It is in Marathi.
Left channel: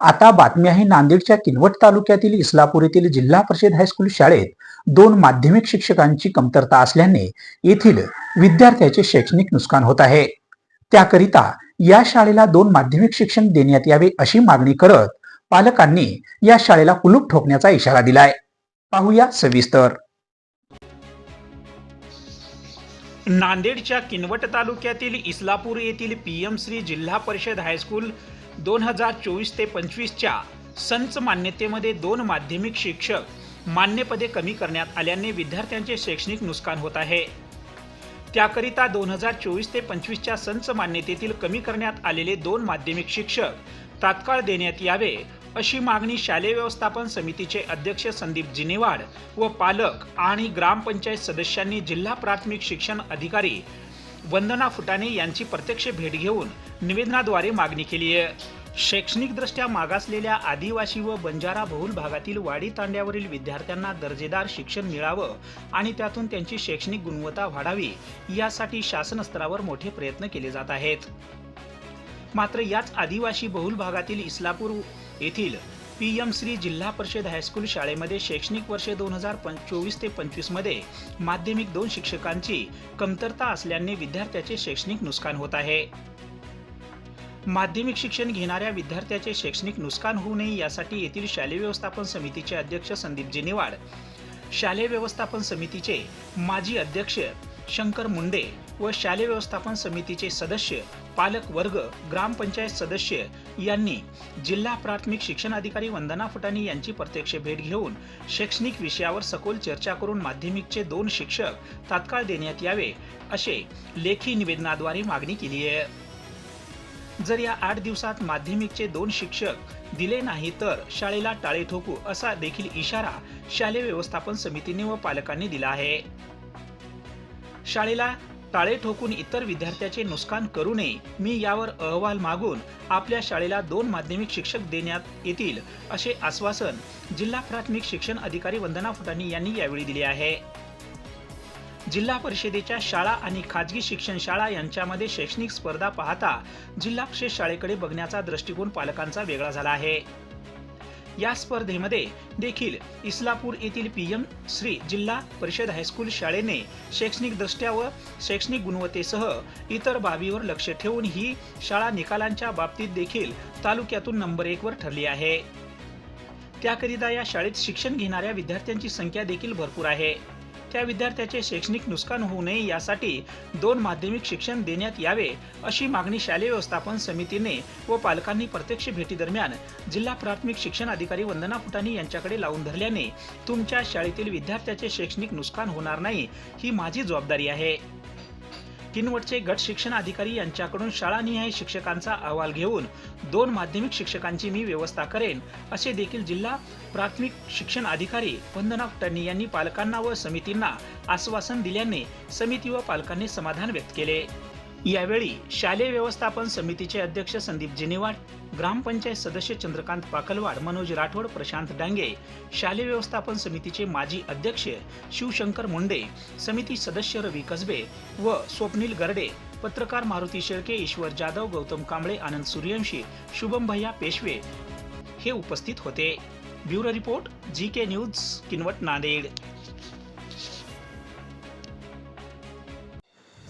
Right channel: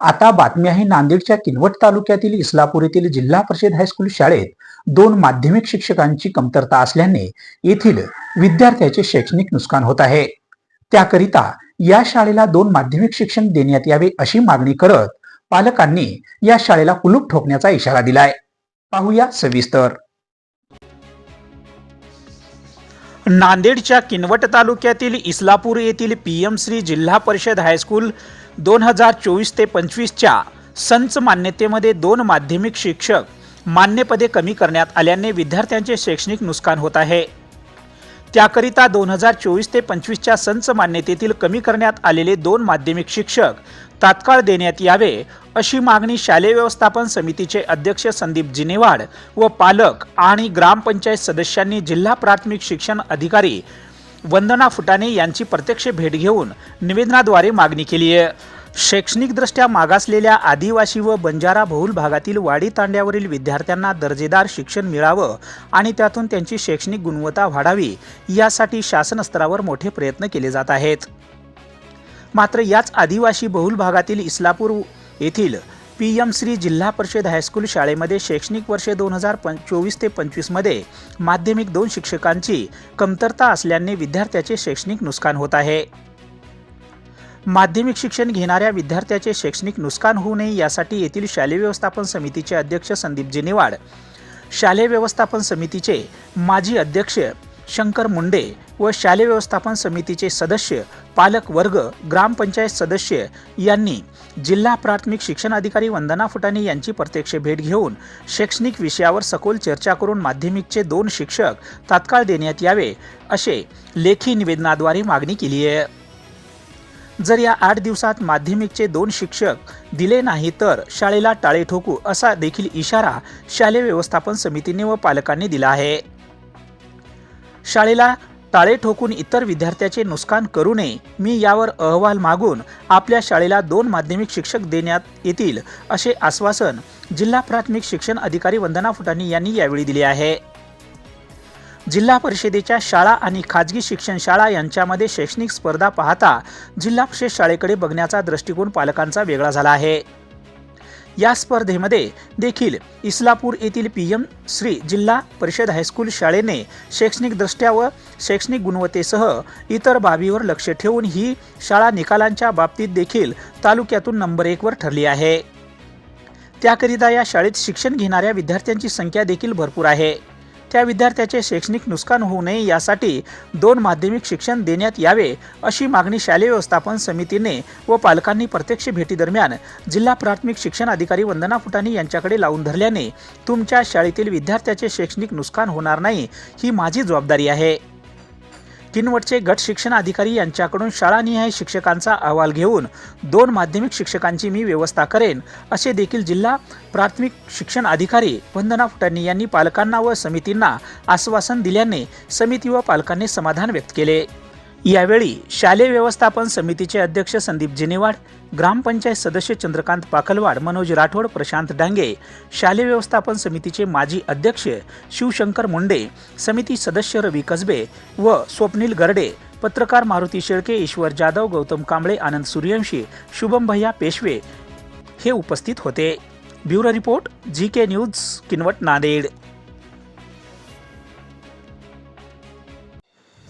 आता बातमी आहे नांदेडच्या किनवट तालुक्यातील इस्लापूर येथील जिल्हा परिषद हायस्कूल शाळेत दोन माध्यमिक शिक्षकांची कमतरता असल्याने येथील विद्यार्थ्याचे शैक्षणिक नुकसान होत आहे. त्याकरिता या शाळेला दोन माध्यमिक शिक्षण देण्यात यावे अशी मागणी करत पालकांनी या शाळेला कुलूप ठोकण्याचा इशारा दिलाय. पाहूया सविस्तर. नांदेडच्या किनवट तालुक्यातील इस्लापूर येथील पी एम श्री जिल्हा परिषद हायस्कूल दोन हजार चोवीस ते पंचवीसच्या संच मान्यतेमध्ये दोन माध्यमिक शिक्षक मान्यपदे कमी करण्यात आल्याने विद्यार्थ्यांचे शैक्षणिक नुकसान होत आहे. त्याकरिता दोन हजार चोवीस ते पंचवीसच्या संच मान्यतेतील कमी करण्यात आलेले दोन माध्यमिक शिक्षक तात्काळ देण्यात यावे अशी मागणी शालेय व्यवस्थापन समितीचे अध्यक्ष संदीप जिनेवाड व पालक आणि ग्रामपंचायत सदस्यांनी जिल्हा प्राथमिक शिक्षण अधिकारी वंदना फुटाणे यांची प्रत्यक्ष भेट घेऊन निवेदनाद्वारे मागणी केली आहे. शैक्षणिकदृष्ट्या मागासलेल्या आदिवासी व बंजारा बहुल भागातील वाडी तांड्यावरील विद्यार्थ्यांना दर्जेदार शिक्षण मिळावं आणि त्यातून त्यांची शैक्षणिक गुणवत्ता वाढावी यासाठी शासन स्तरावर मोठे प्रयत्न केले जात आहेत. मात्र याच आदिवासी बहुल भागातील इस्लापूर येथील पी एम श्री जिल्हा परिषद हायस्कूल शाळेमध्ये शैक्षणिक वर्ष दोन हजार चोवीस ते पंचवीसमध्ये माध्यमिक दोन शिक्षकांची कमतरता असल्याने विद्यार्थ्याचे शैक्षणिक नुकसान होत आहे. माध्यमिक शिक्षण घेणाऱ्या विद्यार्थ्याचे शैक्षणिक नुकसान होऊ नये यासाठी येथील शालेय व्यवस्थापन समितीचे अध्यक्ष संदीप जेनेवाड शालेय व्यवस्थापन समितीचे माजी अध्यक्ष शंकर मुंडे व शालेय व्यवस्थापन समितीचे सदस्य पालक वर्ग ग्रामपंचायत सदस्य यांनी जिल्हा प्राथमिक शिक्षण अधिकारी वंदना फुटाणे यांची प्रत्यक्ष भेट घेऊन शैक्षणिक विषयावर सखोल चर्चा करून माध्यमिकचे दोन शिक्षक तात्काळ देण्यात यावे असे लेखी निवेदनाद्वारे मागणी केली आहे. जर या आठ दिवसात माध्यमिकचे दोन शिक्षक दिले नाही तर शाळेला टाळे ठोकू असा देखील इशारा शालेय व्यवस्थापन समितीने व पालकांनी दिला आहे. शाळेला टाळे ठोकून इतर विद्यार्थ्याचे नुकसान करू नये मी यावर अहवाल मागून आपल्या शाळेला दोन माध्यमिक शिक्षक देण्यात येतील असे आश्वासन जिल्हा प्राथमिक शिक्षण अधिकारी वंदना फुटाणी यांनी यावेळी दिले आहे. जिल्हा परिषदेच्या शाळा आणि खाजगी शिक्षण शाळा यांच्यामध्ये शैक्षणिक स्पर्धा पाहता जिल्हा परिषद शाळेकडे बघण्याचा दृष्टिकोन पालकांचा वेगळा झाला आहे. या स्पर्धेमध्ये देखील इस्लापूर येथील पी एम श्री जिल्हा परिषद हायस्कूल शाळेने शैक्षणिक दृष्ट्या व शैक्षणिक गुणवत्तेसह इतर बाबीवर लक्ष ठेवून ही शाळा निकालांच्या बाबतीत देखील तालुक्यातून नंबर एकवर ठरली आहे. त्याकरिता या शाळेत शिक्षण घेणाऱ्या विद्यार्थ्यांची संख्या देखील भरपूर आहे. त्या विद्यार्थ्याचे शैक्षणिक नुकसान होऊ नये यासाठी दोन माध्यमिक शिक्षण देण्यात यावे अशी मागणी शालेय व्यवस्थापन समितीने व पालकांनी प्रत्यक्ष भेटीदरम्यान जिल्हा प्राथमिक शिक्षण अधिकारी वंदना फुटाणी यांच्याकडे लावून धरल्याने तुमच्या शाळेतील विद्यार्थ्याचे शैक्षणिक नुकसान होणार नाही ही माझी जबाबदारी आहे. किनवटचे गट शिक्षण अधिकारी यांच्याकडून शाळानिहाय शिक्षकांचा अहवाल घेऊन दोन माध्यमिक शिक्षकांची मी व्यवस्था करेन असे देखील जिल्हा प्राथमिक शिक्षण अधिकारी वंदना फुटाणी यांनी पालकांना व समितींना आश्वासन दिल्याने समिती व पालकांनी समाधान व्यक्त केले. यावेळी शालेय व्यवस्थापन समितीचे अध्यक्ष संदीप जिनेवाड ग्रामपंचायत सदस्य चंद्रकांत पाकलवाड मनोज राठोड प्रशांत डांगे शालेय व्यवस्थापन समितीचे माजी अध्यक्ष शिवशंकर मुंडे समिती सदस्य रवी कसबे व स्वप्नील गरडे पत्रकार मारुती शेळके ईश्वर जाधव गौतम कांबळे आनंद सूर्यवंशी शुभम भैया पेशवे हे उपस्थित होते. Bureau report G K news Kinwat Nanded.